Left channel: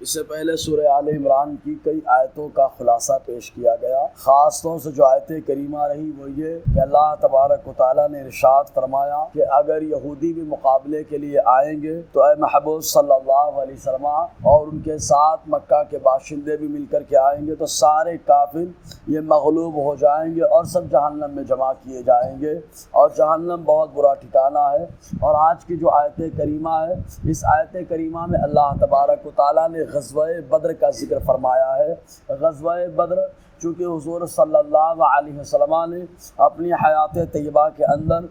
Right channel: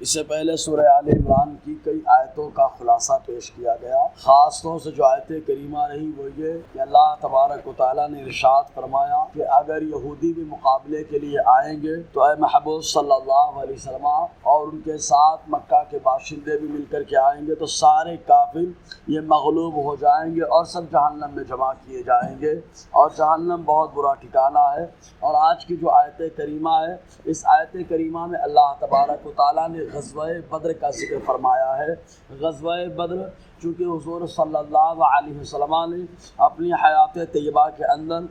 اس سے پہلے سورہ آل عمران کی کئی آیتوں کا خلاصہ پیش کیا گیا۔ خاص طور سے جو آیت کریمہ رہی وہ یہ کہ اللہ تبارک و تعالیٰ نے ارشاد فرمایا کہ اگر یہودی بھی مقابلے کے لیے آئیں گے تو اے محبوب صلی اللہ علیہ وسلم اور ان کے ساتھ مکہ کے باشندے بھی مل کر کے آئیں گے تو سارے کافر یہ مغلوب ہو جائیں گے اور سب جہنم میں جمع کیے جائیں گے، اور جہنم بہت برا ٹھکانہ ہے۔ اور آج کی جو آیت کریمہ ہے، اس آیت کریمہ میں اللہ تبارک و تعالیٰ نے غزوہ بدر کا ذکر فرمایا ہے۔ غزوہ بدر چونکہ حضور صلی اللہ علیہ وسلم نے اپنی حیات طیبہ کے اندر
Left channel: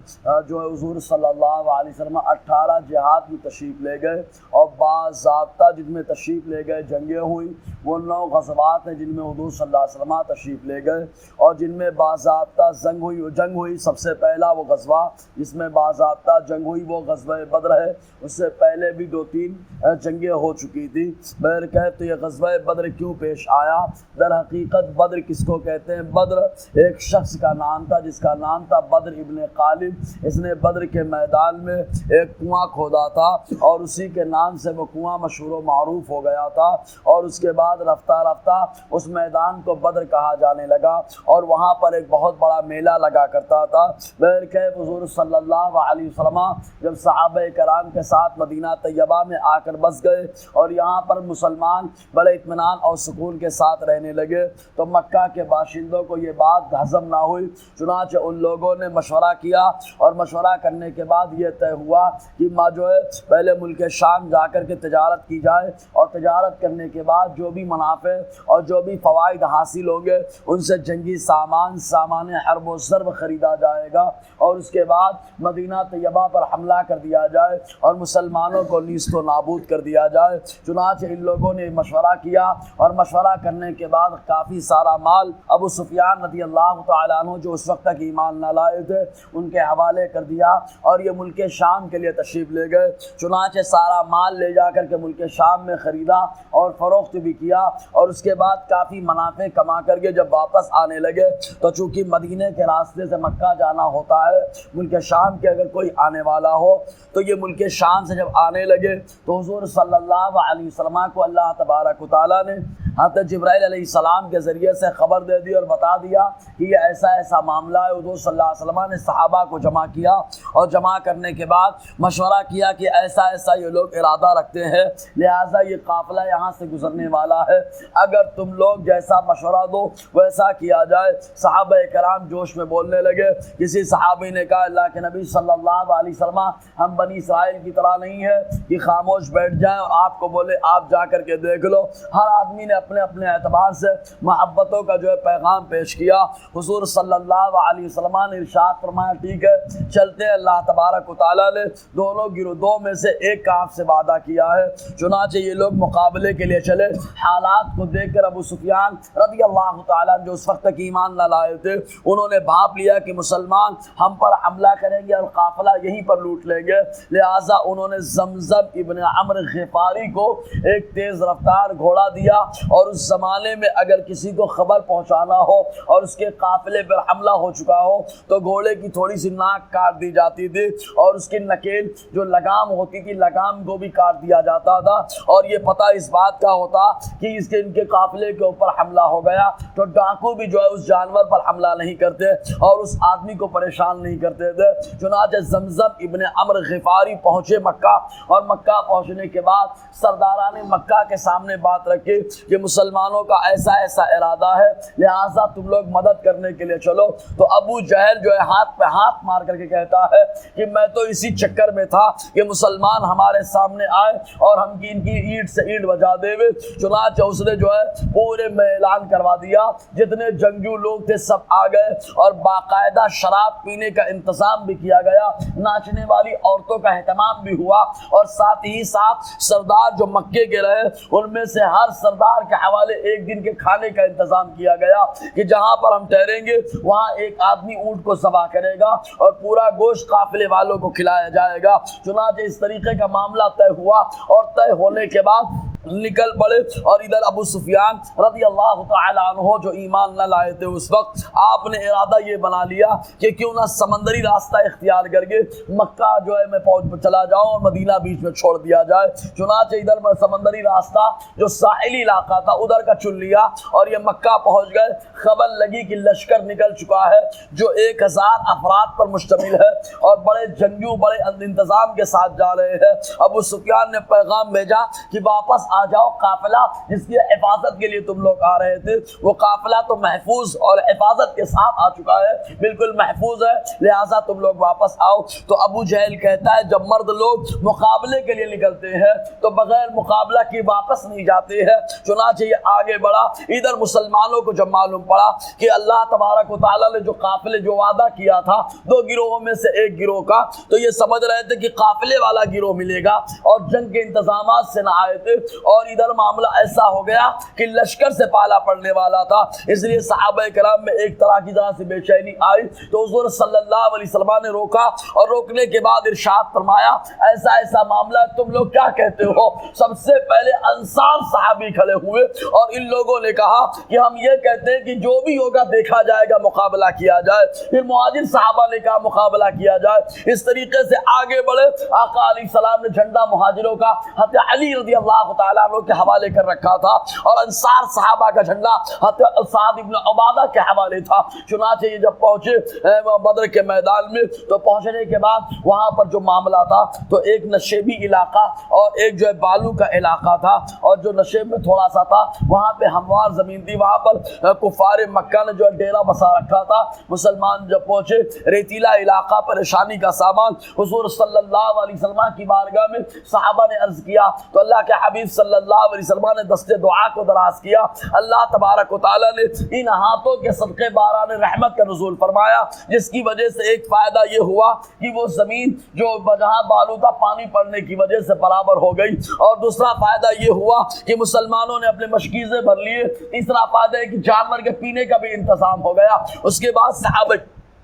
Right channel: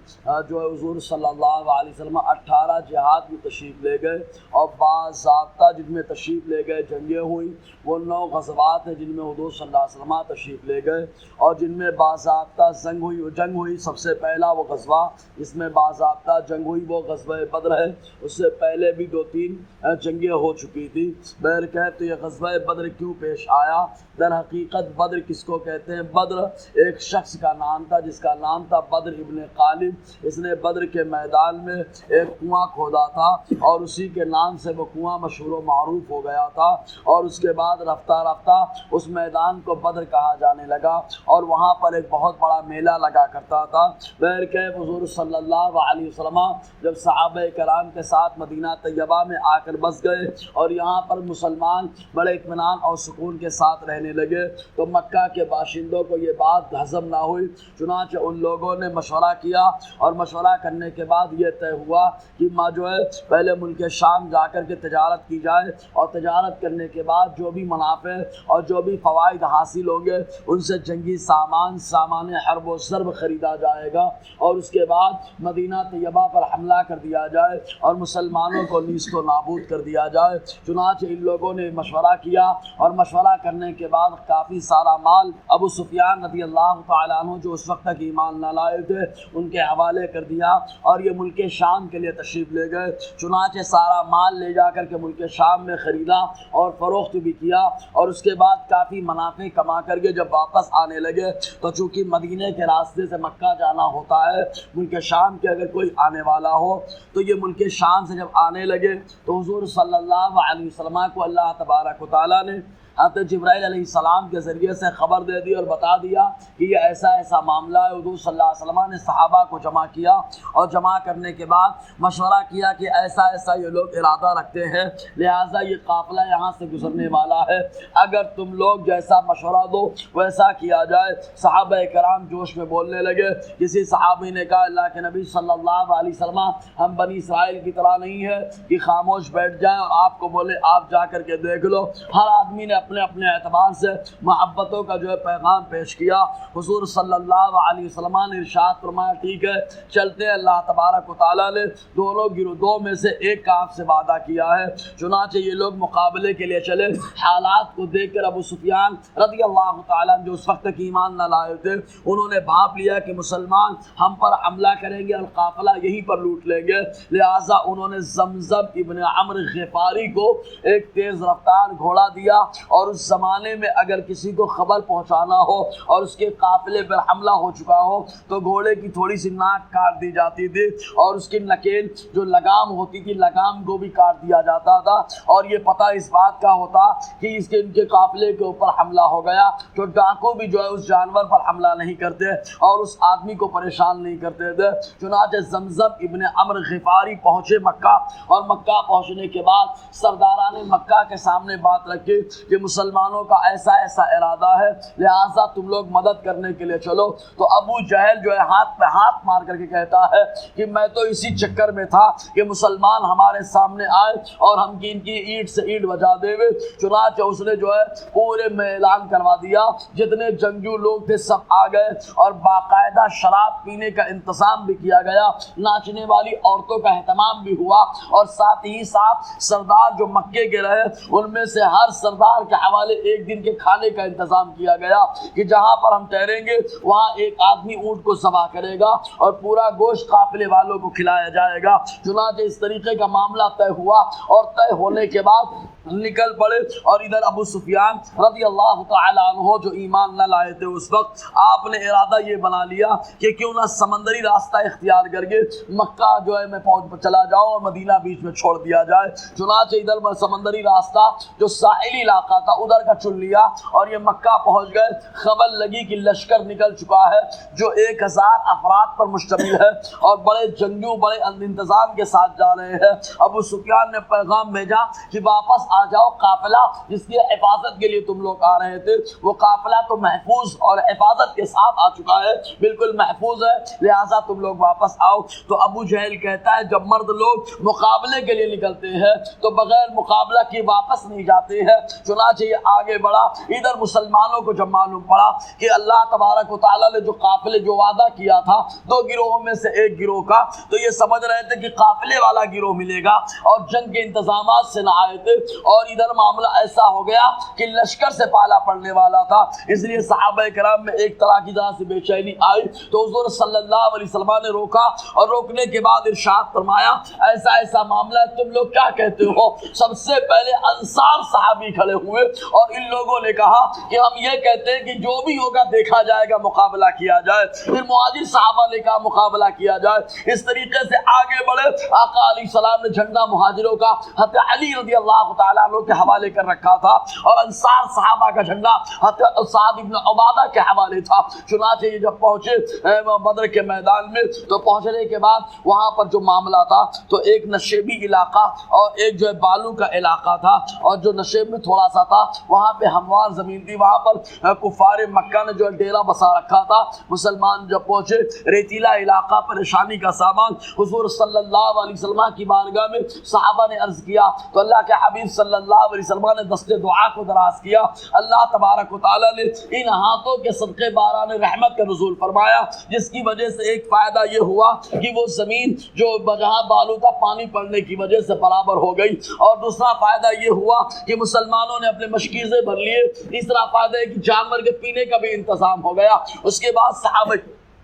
جو ہے حضور صلی اللہ علیہ وسلم 18 جہاد میں تشریف لے گئے، اور باضابطہ جن میں تشریف لے گئے جنگیں ہوئی وہ 9 غزوات ہیں جن میں حضور صلی اللہ علیہ وسلم تشریف لے گئے، اور جن میں باضابطہ جنگ ہوئی سب سے پہلا وہ غزوہ جس میں باضابطہ جنگ ہوئی وہ غزوہ بدر ہے۔ اس سے پہلے بھی 2-3 جنگیں ہو چکی تھی۔ بہرکیف تو یہ غزوہ بدر کیوں پیش آیا؟ در حقیقت بدر کس کو کہتے ہیں؟ بدر ایک شخص کا نام تھا جس کا نام تھا بدر ابن غالب۔ اس نے بدر کے میدان میں ایک کنواں کھودا تھا اور اسی کے نام سے وہ کنواں مشہور و معروف ہو گیا تھا، اور اس کے بعد رفتہ رفتہ اس میدان کو بدر کہا جانے لگا، اور وہاں پر ایک بہت بڑا میلہ لگا کرتا تھا۔ بہرکیف حضور صلی اللہ علیہ وسلم جب صحابہ کرام کے ساتھ مدینہ طیبہ میں آ کر بس گئے اور یہاں پر مسلمان بڑے اطمینان اور سکون کے ساتھ رہنے لگے تو مکہ کے باشندوں کو یہ بات ہضم نہ ہوئی، چنانچہ ان لوگوں نے مشورہ کیا، اور مشورہ کرنے کے بعد یہ طے ہوا کہ جو ہے پہلے ملک شام جا کر کے تجارت کی جائے، اور تجارت کرنے کے بعد جو بھی منافع اور جو بھی فوائد حاصل ہوں گے ان سے جنگی سامان حرب و ضرب خریدا جائے گا، اور اس کے بعد مدینہ طیبہ پر حملہ کر دیا جائے اور مسلمانوں کو نیست و نابود کر دیا جائے۔ چنانچہ ان لوگوں نے مشورہ کیا، اور مشورہ کرنے کے بعد کافی سارا مال ابو سفیان رضی اللہ تعالیٰ عنہ جو اس وقت تک ایمان نہ لائے تھے ان کے حوالے کر دیا، اور یہ ملک شام کے لیے تشریف لے گئے۔ چنانچہ سارا مال لے جا کر کے ملک شام میں خریدا اور فروخت بھی کیا، اور اس کے بعد کافی منافع کما کر کے جب واپس آنے لگے تو چونکہ مدینے کے راستے سے مکہ جانا ہوتا ہے، ملک شام کے اگر کوئی آنے والا ہو تو یہ ملک شام سے جب آنے لگے تو حضور صلی اللہ علیہ وسلم کو اللہ تبارک و تعالیٰ نے حضرت جبرائیل علیہ السلام کے ذریعے سے خبر دے دی اور بتا دیا کہ یہ ایسا معاملہ ہے۔ حضور صلی اللہ علیہ وسلم نے صحابہ کو جمع کیا، اور جمع کرنے کے بعد مشورہ کیا کہ ایسا یہ لوگ ارادہ رکھتے ہیں، لہٰذا یہ قافلہ یہاں سے گزرنے والا ہے، اگر تم لوگ جیسا مشورہ دو ویسا کیا جائے۔ صحابہ کرام جوش میں بولنے لگے۔ کسی صحابی نے کہا اللہ کے نبی صلی اللہ علیہ وسلم ہم بنی اسرائیل کی طرح نہیں ہے کہ خاموش بیٹھ جائیں اور آپ کو بولے آپ جا کر کے دیکھ لو۔ ہر آدمی نے اپنے اپنے اعتبار سے محبتوں کا جو ہے پیغام پیش کیا۔ حضور صلی اللہ علیہ وسلم نے ارشاد فرمایا ٹھیک ہے چلتے ہیں۔ اللہ تبارک و تعالیٰ نے دونوں گروہوں میں سے ایک کا آپ سے وعدہ کیا ہے، چنانچہ یہ لوگ مقابلے کے لیے چلے۔ حالات کو دیکھ کر ابو سفیان رضی اللہ تعالیٰ جو اس وقت تک ایمان نہ لائے تھے انہوں نے بھاپ لیا کہ مسلمان ہم پر حملہ کریں گے اور قافلہ یہیں پر لوٹ لیں گے، لہٰذا انہوں نے زمزم ابن عمرو غفاری کو ایک تیز رفتار گھوڑا دیا، اور اس زمانے میں اگر کسی کو خبر پہنچانا ہو اور اس کے قافلے پر حملہ ہو چکا ہو تو گھوڑے کی تھوڑی سی ناک کاٹ دی جاتی تھی، اور اس کی نکیل جو لگام ہوتی تھی لگام کو بھی کاٹ دیا جاتا تھا، اور یہ پتہ اس بات کا ہوتا کہ ان کے قافلے کے اوپر حملہ ہو گیا تو ڈاکو بھی جو ہے اس جانور پر حملہ نہیں کرتے اور اس آدمی کو پریشان نہیں کرتے تھے۔ چنانچہ زمزم ابن عمرو غفاری پہنچے مکہ، اور مکہ پہنچنے کے بعد سرداران مکہ کے سامنے بات رکھی کہ مسلمانوں کا ایسا ارادہ ہے، لہٰذا تم لوگ مدد کرنے کے لیے چلو۔ تو ابو جہل جو ہے ہاتھ پہ ہاتھ مار کر کے کہتا ہے کہ میں تو اسی چکر میں تھا کہ مسلمان ہمارے سامنے آئے اور ہم کی ان کی اینٹ سے اینٹ بجا دے۔ چنانچہ اس نے جو ہے پورے میں اعلان کروا دیا، جتنے جنگجو لوگ تھے سب آ گئے، اور باقاعدہ شراب پینے کا انتظام بھی کیا گیا، ناچنے والی عورتوں کا اہتمام بھی ہوا، اور ساتھ ہی ساتھ سردار جو مکے کے رہے ان میں سے ہر سردار کے حوالے ایک دن کے کھانے کا انتظام کیا گیا کہ جہاں پر ہم ٹھہریں گے وہاں ایک آدمی اونٹ کو ذبح کرے گا اور پورا گوشت قافلے والوں کو کھلایا جائے گا۔ چنانچہ اس طریقے کا معاملہ طے ہوا، اور طے ہونے کے بعد نکل پڑے، اور ادھر ابو سفیان رضی اللہ تعالیٰ عنہ جو ایمان نہ لائے تھے اس وقت، آپ نے ارادہ یہ بنا لیا کہ کیوں نہ سمندری راستہ اختیار کر کے مکہ جو ہے میں چلا جاؤں اور مدینہ بیچ میں چھوڑ دیا جائے۔ چنانچہ ادھر سمندری راستہ جو ساحلی علاقہ تھا ادھر کا چن لیا اور یہ مکہ پہنچ گئے۔ خبر لگی کہ لشکر نکل چکا ہے جو 1000 افراد پر مشتمل ہے اور بڑے جنگجو بڑے انتظام کے ساتھ جا رہے ہیں۔ ابو سفیان نے پیغام بھیجا کہ واپس آ جاؤ، قافلہ جس کی حفاظت کے لیے تم لوگ آ رہے تھے وہ قافلہ تو محفوظ اور حفاظت کے ساتھ آ چکا ہے، بالکل محفوظ ہے، لہٰذا تم لوگ واپس آؤ۔ تو ابو جہل کہتا ہے جب مرد لوگ مقابلے کے لیے نکلتے ہیں تو بغیر مقابلہ کی واپس نہیں جاتے ہیں۔ چنانچہ یہ آگے بڑھا، ادھر مسلمانوں کو جب معلوم پڑا کہ اللہ تبارک و تعالیٰ نے جو قافلے جو وعدہ کیا تھا 2 گروہوں میں سے ایک گروہ کا، تو یہ سمجھ رہے تھے کہ قافلے والا گروہ ملے گا اور جنگ کے انتظامات سے نہ آئے تھے، اور ادھر معاملہ ایسا ہو گیا کہ لشکر سے پالا پڑنے والا تھا۔ اس لیے صحابہ کرام میں ایک طرح کی طرح سے بے چینی آئی، تو حضور صلی اللہ علیہ وسلم نے روکا اور روکنے کے بعد ارشاد فرمایا ایسا ایسا معاملہ ہے، تم لوگ کیا کہتے ہو؟ سب سے پہلے انصار صحابی کھڑے ہوئے اور ان لوگوں نے کہا کہ ہم یہ کہتے ہیں کہ جو بھی ہوگا دیکھا جائے گا، مقابلہ کیا جائے۔ پھر مہاجر صحابہ نے کہا مقابلہ کیا جائے۔ اس طریقے سے آگے بڑھے، آقا علیہ السلام نے جھنڈا مہاجروں کا حضرت علی رضی اللہ تعالیٰ عنہ کے حوالے کر رکھا تھا اور انصار صحابہ کا جھنڈا حضرت سعد بن عبادہ کے حوالے تھا۔ چنانچہ یہ جب پہنچے بدر کے میدان میں تو پہنچنے کے بعد وہاں پر جو معاملہ تھا تو ایک نشیبی علاقہ اور ایک جو ہے بالو کا علاقہ تھا، اور جو نشیب میں تھوڑا سا تھا وہاں پہ ہموار زمین تھی، وہاں پر کفار مکہ نے جو ڈیرا بسا رکھا تھا۔ مسلمان جب پہنچے ریتیلا علاقہ، پریشانی کا سامان، حضور صلی اللہ علیہ وسلم کی بارگاہ میں صحابہ نے عرض کیا تو اللہ کے حبیب صلی اللہ علیہ وسلم نے دستے دعا کو دراز کیا۔ اللہ تبارک و تعالیٰ نے ان ہاتھوں کے صدقے باران رحمت کا نزول فرمایا، جس کی وجہ سے ایک فائدہ یہ ہوا کہ وہ زمین جو جہاں بالو تھا پانی پڑنے کی وجہ سے برابر ہو گئی، اور دوسرا فائدہ یہ ہوا کہ مسلمانوں نے اپنے مشکیزیں بھر لیے۔ تیسرا فائدہ ہے کہ جانور کے پینے کا بھی انتظام ہو گیا۔ اس کے بعد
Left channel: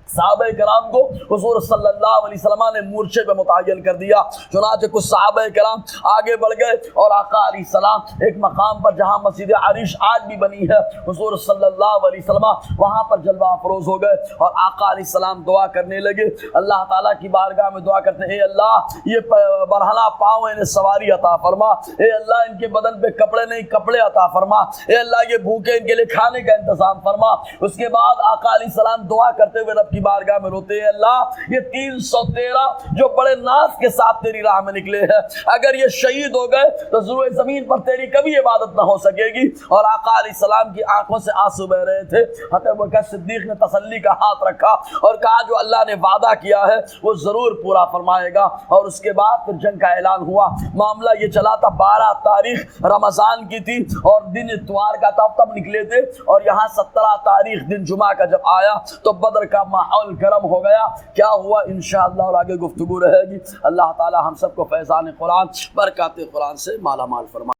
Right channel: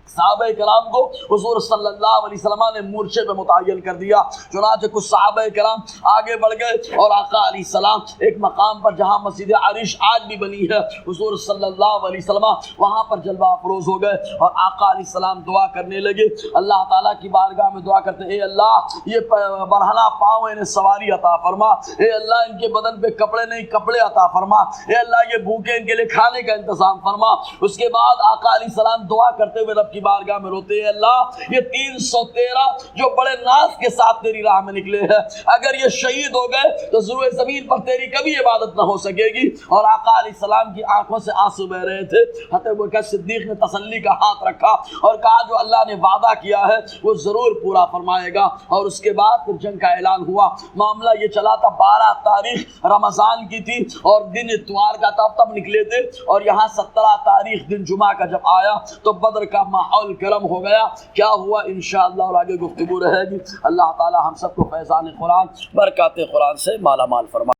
صحابہ کرام کو حضور صلی اللہ علیہ وسلم نے مورچے پہ متعین کر دیا۔ چنانچہ کچھ صحابہ کرام آگے بڑھ گئے اور آقا علیہ السلام ایک مقام پر جہاں مسجد عریش آج بھی بنی ہے، حضور صلی اللہ علیہ وسلم وہاں پر جلوہ افروز ہو گئے اور آقا علیہ السلام دعا کرنے لگے، اللہ تعالیٰ کی بارگاہ میں دعا کرتے ہیں اے اللہ یہ برہنہ پاؤں انہیں سواری عطا فرما، اے اللہ ان کے بدن پہ کپڑے نہیں کپڑے عطا فرما، اے اللہ یہ بھوکے ان کے لیے کھانے کا انتظام فرما۔ اس کے بعد آقا علیہ السلام دعا کرتے ہوئے رب کی بارگاہ میں روتے ہیں اللہ یہ 313 جو بڑے ناز کے ساتھ تیری راہ میں نکلے ہیں، اگر یہ شہید ہو گئے تو ضرور زمین پر تیری کبھی عبادت نہ ہو سکے گی۔ اور آقا علیہ السلام کی آنکھوں سے آنسو بہ رہے تھے۔ حضرت ابوبکر صدیق نے تسلی کا ہاتھ رکھا اور کہا جو اللہ نے وعدہ کیا ہے وہ ضرور پورا فرمائے گا۔ اور اس کے بعد پھر جنگ کا اعلان ہوا۔ معاملہ یہ چلا تھا 12 تاریخ رمضان کی تھی اور دن اتوار کا تب نکلے تھے، اور یہاں 17 تاریخ دن جمعہ کا جب آیا تو بدر کا ماحول گرم ہو گیا۔ کیا ہوا انشاءاللہ اور آگے گفتگو رہے گی۔ اللہ تعالی ہم سب کو فیضان قرآن برکات قرآن سے مالا مال فرمائے۔